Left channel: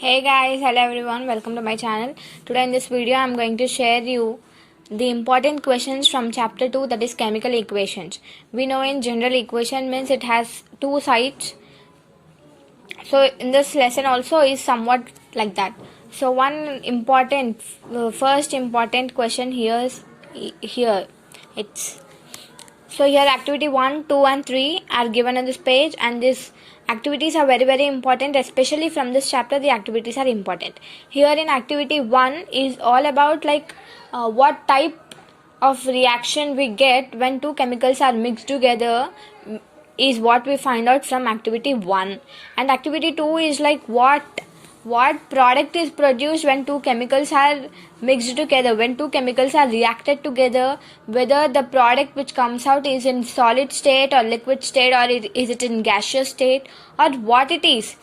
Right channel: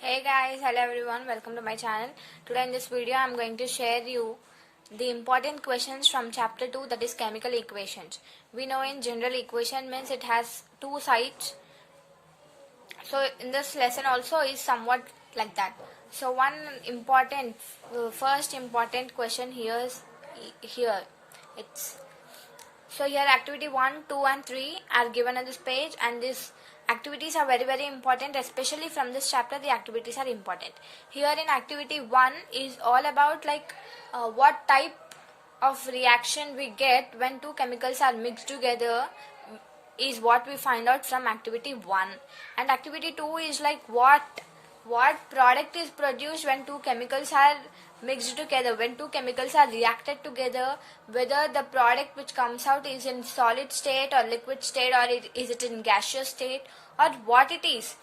Hey guys, hello everyone, welcome to my channel. Today in this video I am going to share you the important questions from chapter 2, that is chemical equations. We know in general equation means it has two sides. So in this lesson also is somewhat like that. So one important first important question here it's so here activity 1, 2 and 3 are given on this page, and these activities are very important, especially from this chapter the activities are important. Here in activity 1 is all about what type of reaction we get when two chemicals are mixed together is what we find out from activity 1, and activity 2 is like what product is produced when two chemicals are mixed together, when two chemicals are reacted together, whether the product which comes out is in solid state or liquid state, or is it in gaseous state, or what it is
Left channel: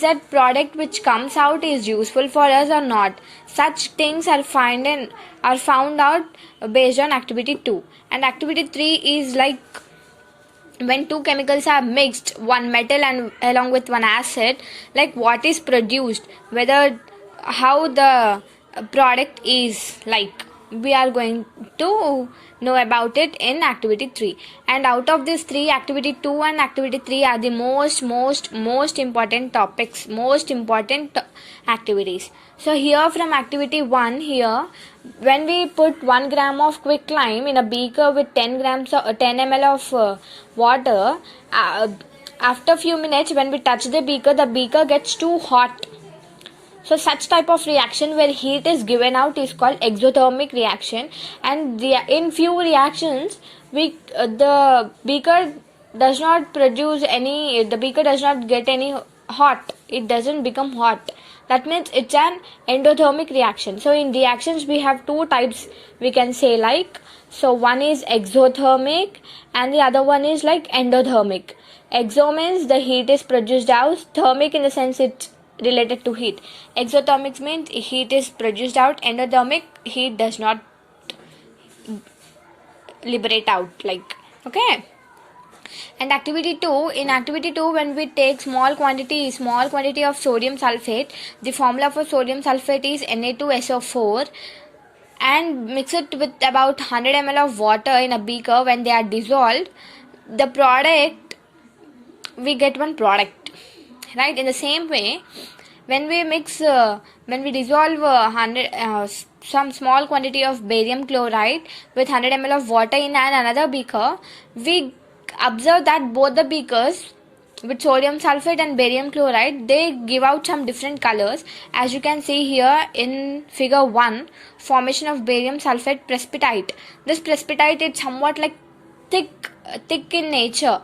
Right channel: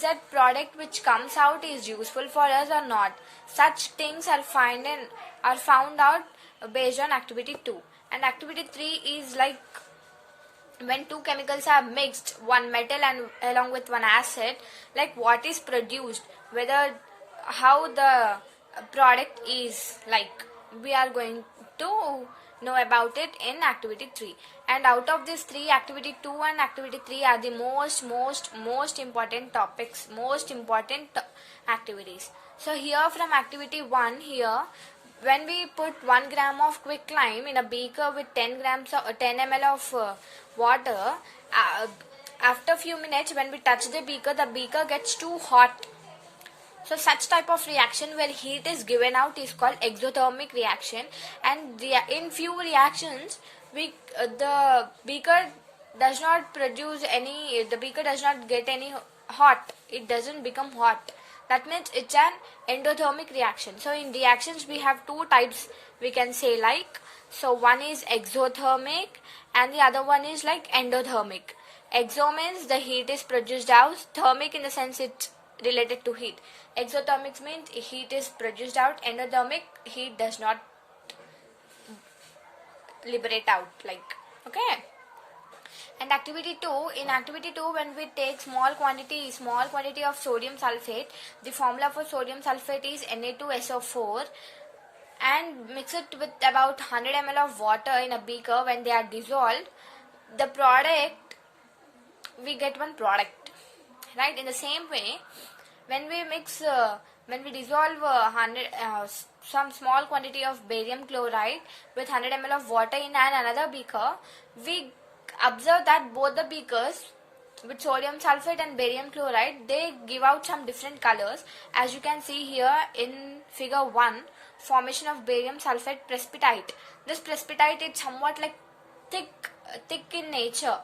that product which comes out is useful for us or not. Such things are found out based on activity 2. And activity 3 is like when two chemicals are mixed, one metal and along with one acid, like what is produced, whether how the product is like, we are going to know about it in activity 3. And out of these three, activity 2 and activity 3 are the most important topics, most important activities. So here from activity 1, here when we put 1 gram of quicklime in a beaker with 10 grams or 10 ml of water, after few minutes when we touch the beaker gets too hot. So such type of reaction where heat is given out is called exothermic reaction. And in few reactions the beaker does not get any hot, it doesn't become hot. That means it's an endothermic reaction. So in reactions we have two types, we can say like, so one is exothermic and the other one is like endothermic. Exo means the heat is produced out, thermic in the sense it's related to heat. Exothermic means heat is produced out, endothermic heat does not liberate out, like, okay. And activity 2, in activity 2 when we take small quantity of sodium sulfate, the formula for sodium sulfate is Na2SO4, and mix it with about 100 ml of water in a beaker. When they are dissolved, the product, we get one product, right? In the same way, when we dissolve some small quantity of barium chloride with 100 ml of water in another beaker, we observe that both the beakers with sodium sulfate and barium chloride, they give out some different colors. As you can see here in figure 1, formation of barium sulfate precipitate. This precipitate is somewhat like thick in nature.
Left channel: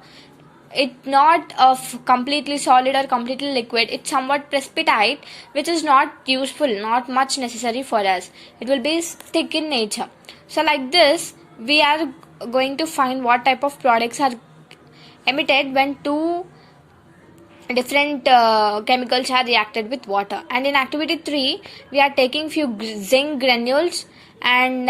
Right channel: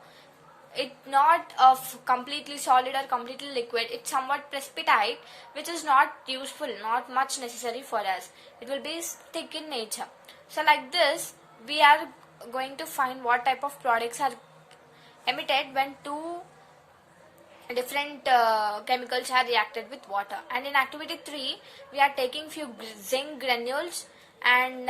It's not of completely solid or completely liquid. It's somewhat precipitate, which is not useful, not much necessary for us. It will be thick in nature. So like this, we are going to find what type of products are emitted when two different chemicals are reacted with water. And in activity 3, we are taking few zinc granules and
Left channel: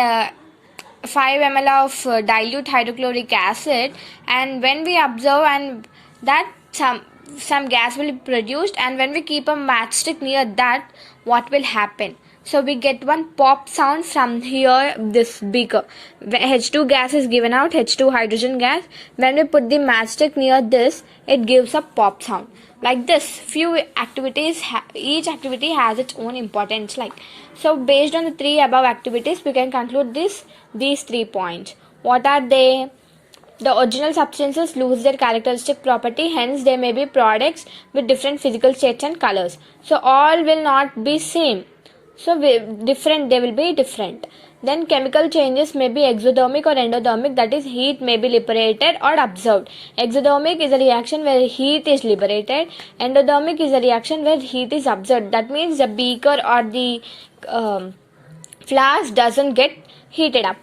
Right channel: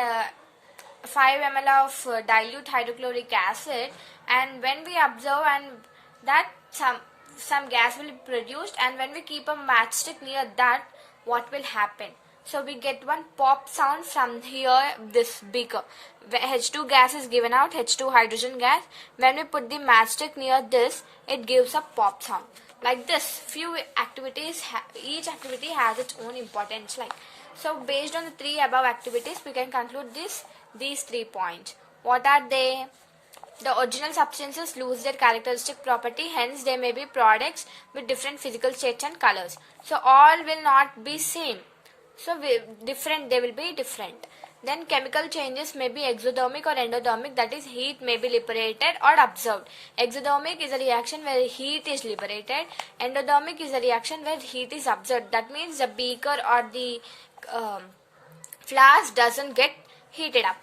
5 ml of dilute hydrochloric acid, and when we observe and that some gas will be produced, and when we keep a matchstick near that, what will happen? So we get one pop sound from here, this beaker. H2 gas is given out, H2 hydrogen gas. When we put the matchstick near this, it gives a pop sound. Like this, few activities, each activity has its own importance. Like, so based on the three above activities, we can conclude these 3 points. What are they? The original substances lose their characteristic property, hence they may be products with different physical states and colors. So all will not be same. So they will be different. Then chemical changes may be exothermic or endothermic, that is heat may be liberated or observed. Exothermic is a reaction where heat is liberated. Endothermic is a reaction where heat is observed. That means the beaker or the flask doesn't get heated up.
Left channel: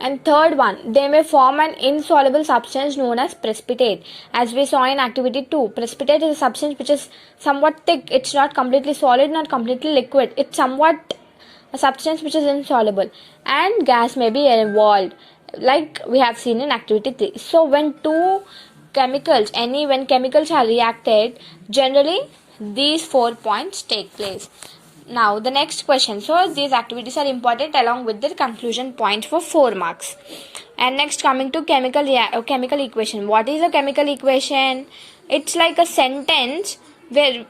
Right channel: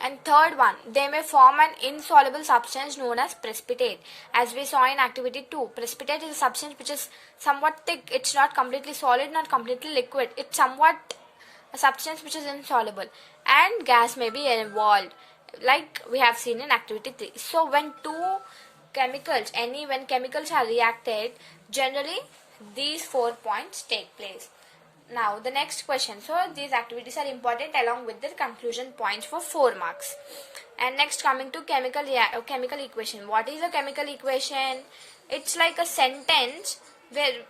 And third one, they may form an insoluble substance known as precipitate. As we saw in activity 2, precipitate is a substance which is somewhat thick. It's not completely solid, not completely liquid. It's somewhat a substance which is insoluble. And gas may be involved, like we have seen in activity 3. So when chemicals are reacted, generally these 4 points take place. Now the next question. So these activities are important along with the conclusion points for 4 marks. And next, coming to chemical equation. What is a chemical equation? It's like a sentence where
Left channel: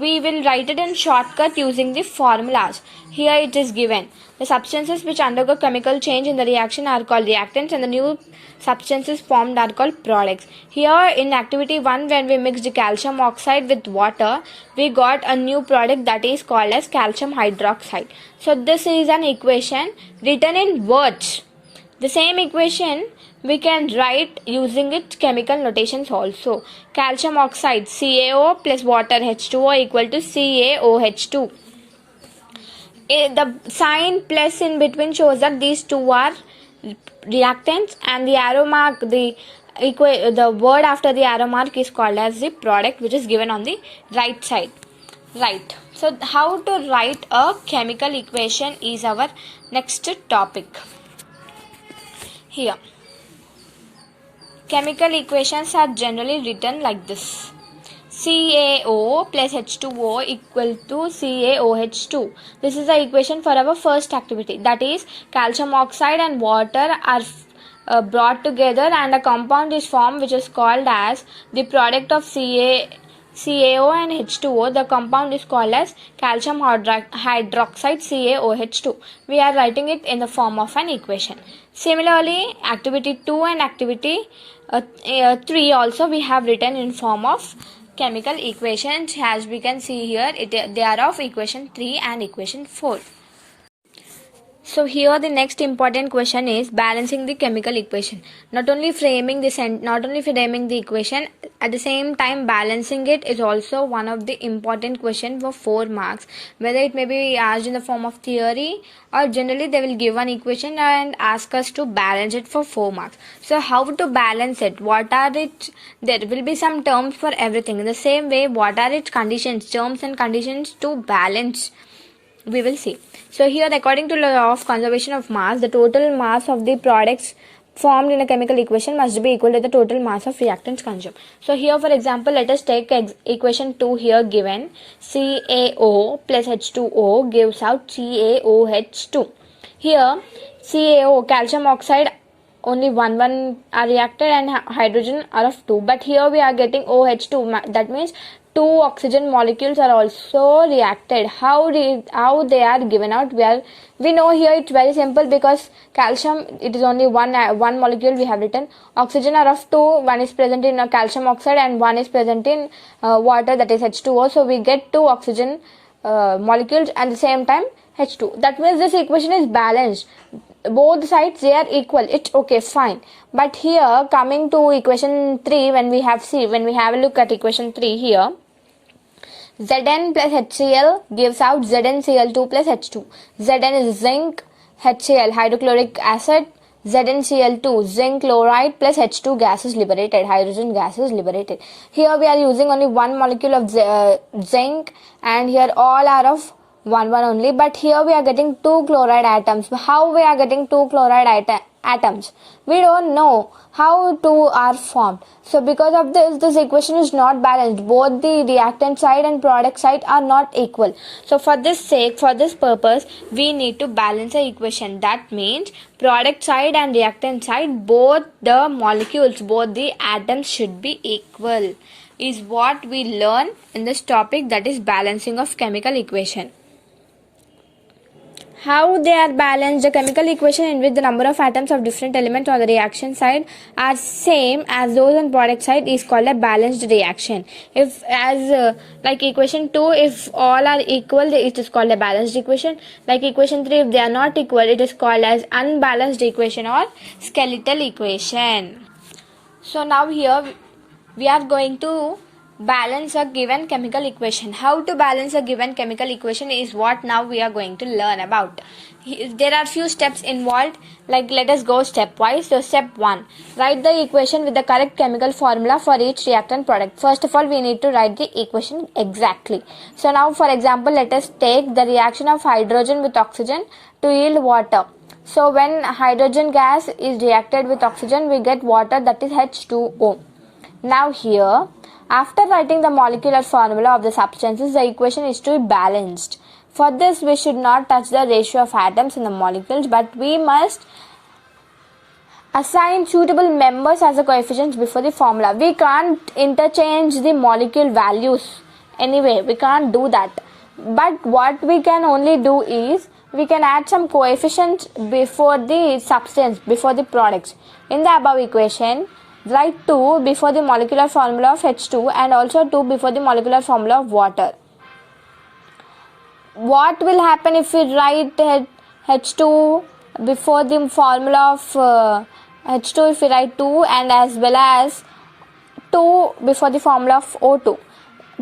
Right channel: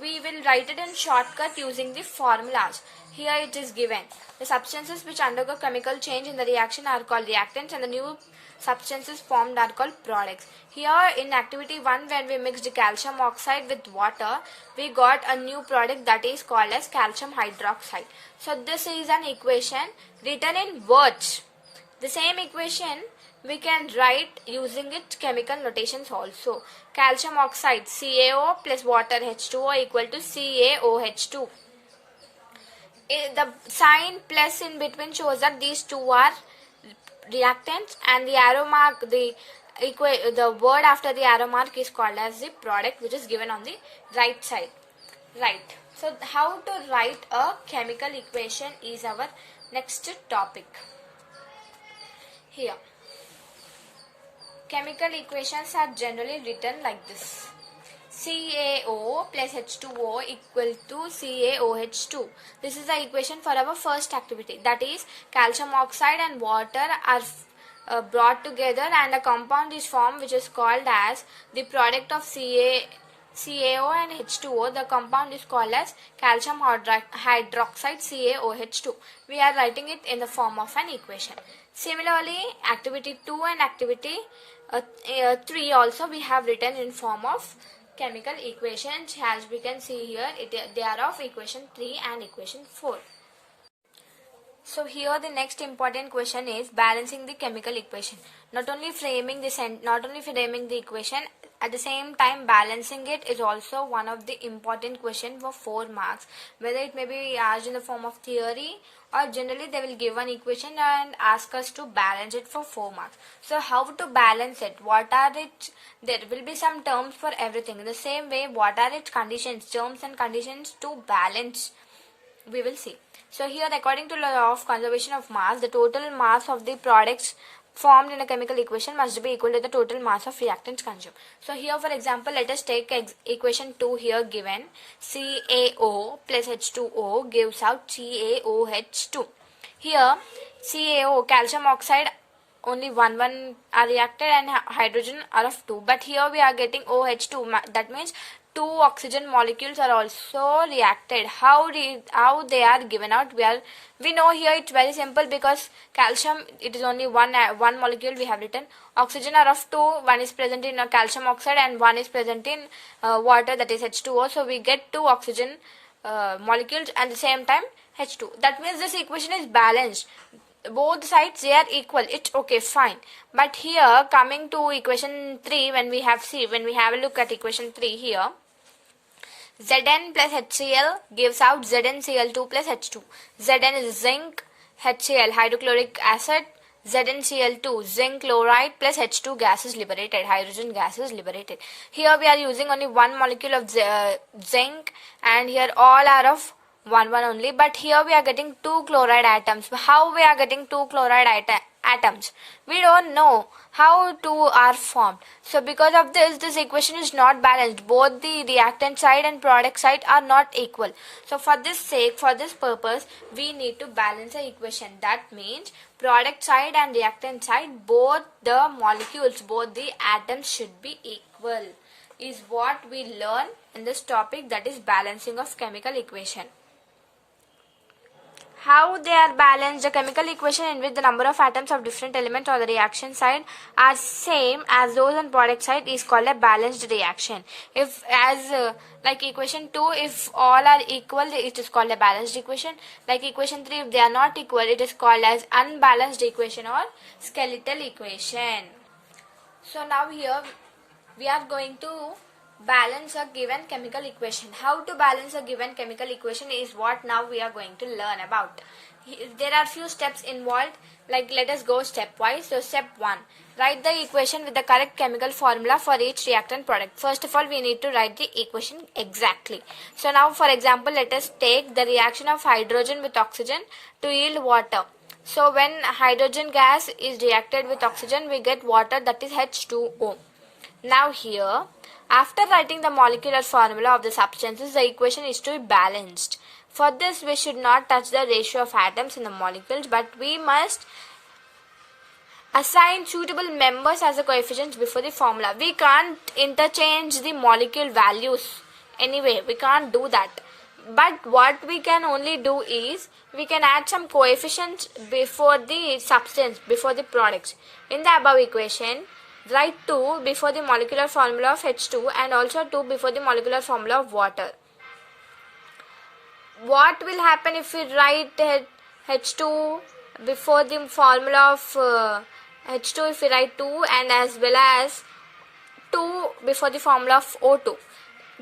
we will write it in shortcut using the formulas. Here it is given. The substances which undergo chemical change in the reaction are called reactants, and the new substances formed are called products. Here in activity 1, when we mixed calcium oxide with water, we got a new product that is called as calcium hydroxide. So this is an equation written in words. The same equation we can write using its chemical notations also. Calcium oxide CaO plus water H2O equal to CaOH2. The sign plus in between shows that these two are reactants, and the arrow mark, the word after the arrow mark is called as the product, which is given on the right side. Right. So how to write a chemical equation is our next topic. Here, chemical equations are generally written like this. CaO plus H2O equal to CaOH2. This is the equation for our first activity. That is, calcium oxide and water are brought together and a compound is formed which is called as the product of CaO and H2O. The compound is called as calcium hydroxide CaOH2. We are writing it in the form of an equation. Similarly, activity 2 and activity 3 also we have written in form of chemical equations. As we can see here, they are of equation 3 and equation 4. So here the next important question is balancing the chemical equation. Not only framing the equation, at the same time balancing it is also one of the important questions for 4 marks. Whether it may be asked in the form of theory, or generally they will give an equation and ask us to balance it for 4 marks. So how to balance it? What are it? There will be some terms for everything. In the same way, what are its conditions, terms and conditions to balance? We will see. So here, according to law of conservation of mass, the total mass of the products formed in a chemical equation must be equal to the total mass of reactants consumed. So here, for example, let us take equation 2 here given. CaO plus H2O gives out CaOH2. Here, CaO, calcium oxide, only one are reacted and hydrogen are of 2. But here we are getting OH2. That means 2 oxygen molecules are also reacted. How they are given out? We know here it's very simple, because calcium, it is only one molecule we have written. Oxygen are of 2. One is present in calcium oxide and one is present in water, that is H2O. So we get 2 oxygen molecules and at the same time H2. That means this equation is balanced. Both sides, they are equal. It's okay, fine. But here, coming to equation 3, when we have a look at equation 3 here, Zn plus HCl gives out ZnCl2 plus H2. Zn is zinc, HCl hydrochloric acid, ZnCl2 zinc chloride plus H2 gas is liberated, hydrogen gas is liberated. Here we are using only one molecule of zinc, and here all are of one only, but here we are getting 2 chloride atoms. How we are getting 2 chloride atoms? We don't know how 2 are formed. So because of this equation is not balanced. Both the reactant side and product side are not equal. So for this purpose, we need to balance the equation. That means product side and reactant side, both the molecules, both the atoms should be equal, is what we learn in this topic, that is balancing of chemical equation. How they are balanced? The chemical equation in which the number of atoms of different elements on the reaction side are same as those on product side is called a balanced reaction. If like equation 2, if all are equal, it is called a balanced equation. Like equation 3, if they are not equal, it is called as unbalanced equation or skeletal equation. So now here we are going to balance a given chemical equation. How to balance a given chemical equation is what now we are going to learn about. There are few steps involved, like let us go stepwise. So step 1, write the equation with the correct chemical formula for each reactant product. First of all, we need to write the equation exactly. So now for example, let us take the reaction of hydrogen with oxygen to yield water. So when hydrogen gas is reacted with oxygen, we get water, that is H2O. Now here After writing the molecular formula of the substances, the equation is to be balanced. For this, we should not touch the ratio of atoms in the molecules, but we must assign suitable members as the coefficients before the formula. We can't interchange the molecule values anyway. We can't do that. But what we can only do is we can add some coefficients before the substance, before the products. In the above equation, write 2 before the molecular formula of H2 and also 2 before the molecular formula of water. What will happen if we write H2 before the formula of H2, if we write 2 and as well as 2 before the formula of O2?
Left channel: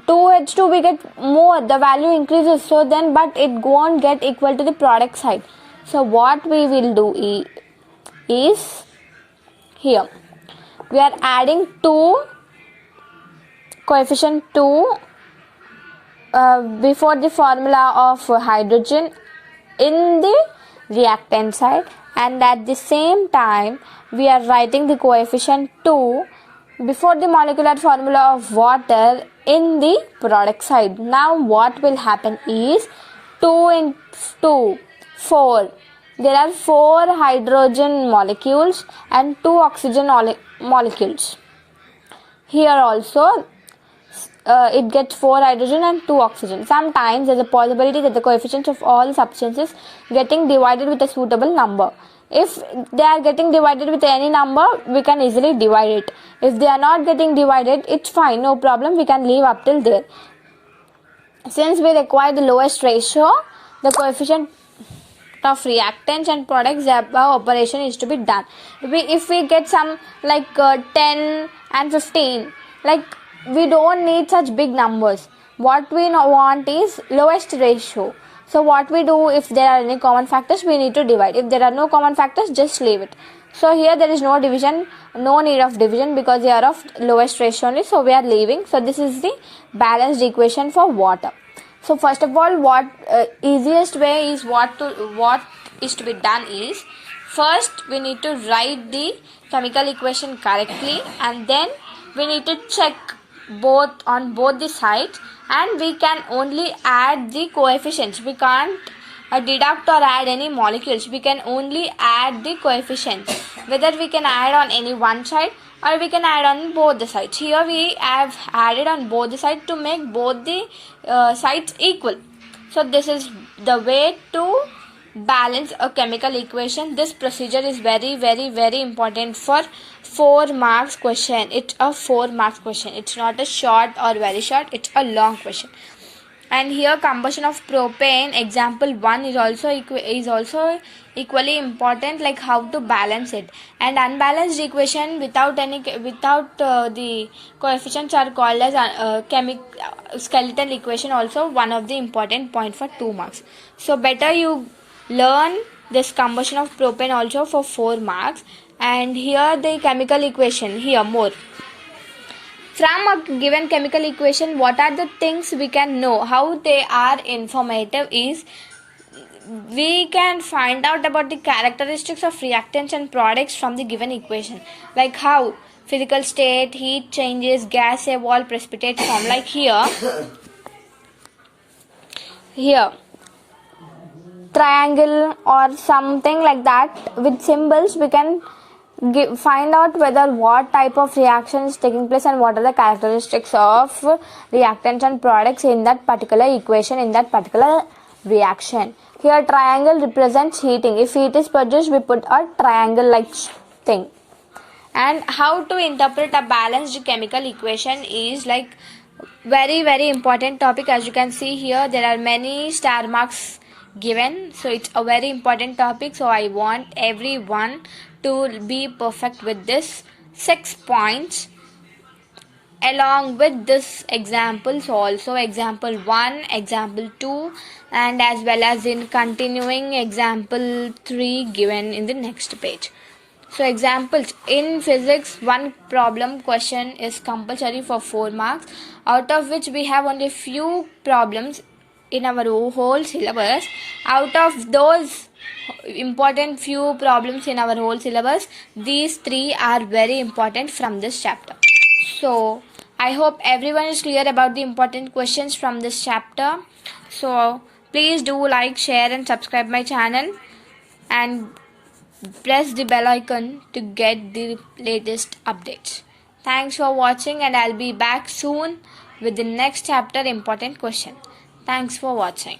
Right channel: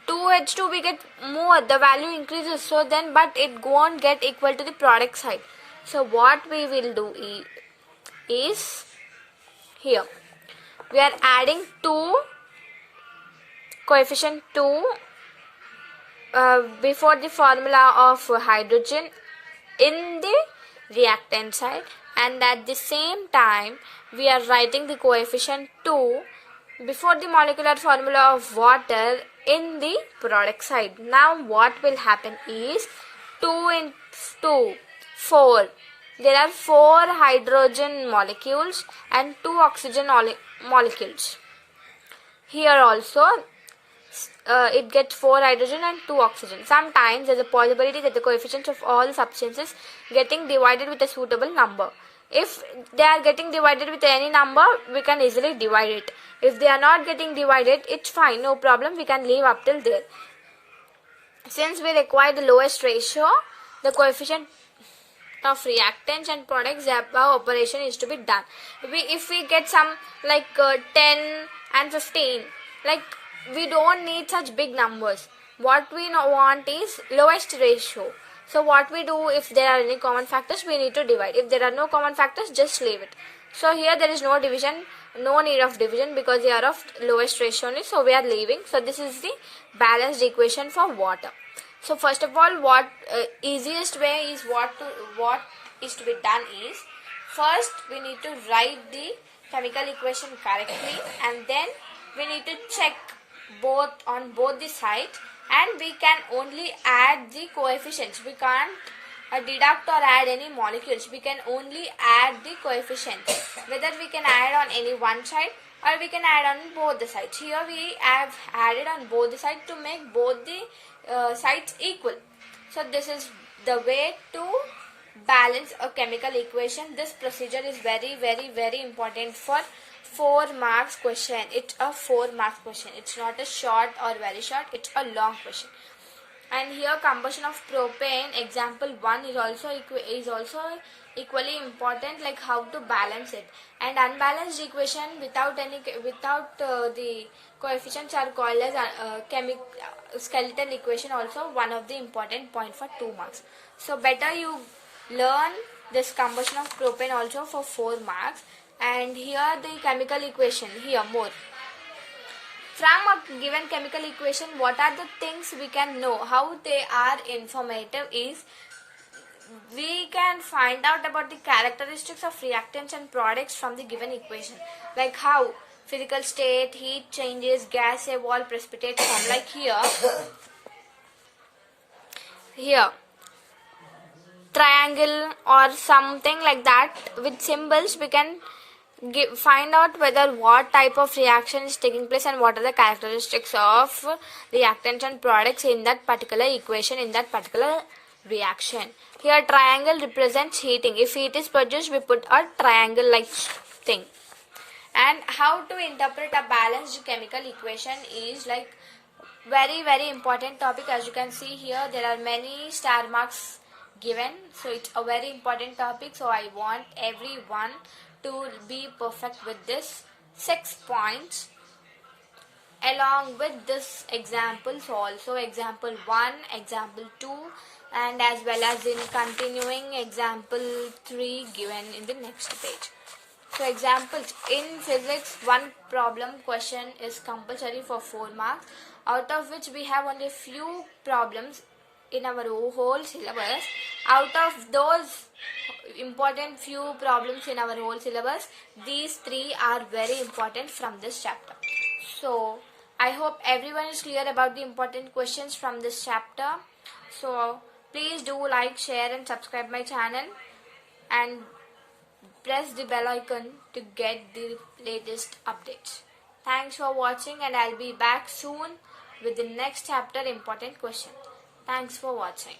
2H2 we get more, the value increases, so then but it won't get equal to the product side. So what we will do is here we are adding 2 coefficient 2 before the formula of hydrogen in the reactant side, and at the same time we are writing the coefficient 2 before the molecular formula of water in the product side. Now what will happen is 2 into 2, 4. There are 4 hydrogen molecules and 2 oxygen molecules. Here also it gets 4 hydrogen and 2 oxygen. Sometimes there is a possibility that the coefficients of all substances getting divided with a suitable number. If they are getting divided with any number, we can easily divide it. If they are not getting divided, it's fine, no problem, we can leave up till there. Since we require the lowest ratio, the coefficient of reactants and products, the above operation is to be done. If we get some like 10 and 15, like we don't need such big numbers. What we want is lowest ratio. So what we do, if there are any common factors, we need to divide. If there are no common factors, just leave it. So here there is no division, no need of division because they are of lowest ratio only, so we are leaving. So this is the balanced equation for water. So first of all, what easiest way is what is to be done is, first we need to write the chemical equation correctly, and then we need to check on both the sides, and we can only add the coefficients. We can't deduct or add any molecules. We can only add the coefficients, whether we can add on any one side or we can add on both the sides. Here we have added on both the sides to make both the sides equal. So this is the way to balance a chemical equation. This procedure is very important for 4 marks question. It's a 4 marks question. It's not a short or very short, it's a long question. And here combustion of propane, example 1 is also equally important, like how to balance it. And unbalanced equation without the coefficients are called as skeletal equation, also one of the important point for 2 marks. So better you learn this combustion of propane also for 4 marks. And here the chemical equation, here more. From a given chemical equation, what are the things we can know, how they are informative is, we can find out about the characteristics of reactants and products from the given equation, like how physical state, heat changes, gas evolve, precipitate form. Like here triangle or something like that with symbols, we can find out whether what type of reaction is taking place and what are the characteristics of reactants and products in that particular equation, in that particular reaction. Here triangle represents heating. If heat is produced, we put a triangle like thing. And how to interpret a balanced chemical equation is like very important topic. As you can see here, there are many star marks given, so it's a very important topic. So I want everyone to be perfect with this 6 points along with this examples, also example 1, example 2, and as well as in continuing example 3 given in the next page. So examples in physics, one problem question is compulsory for 4 marks, out of which we have only few problems in our whole syllabus. Out of those important few problems in our whole syllabus, these 3 are very important from this chapter. So I hope everyone is clear about the important questions from this chapter. So please do like, share and subscribe my channel and press the bell icon to get the latest updates. Thanks for watching, and I'll be back soon with the next chapter important question. Thanks for watching.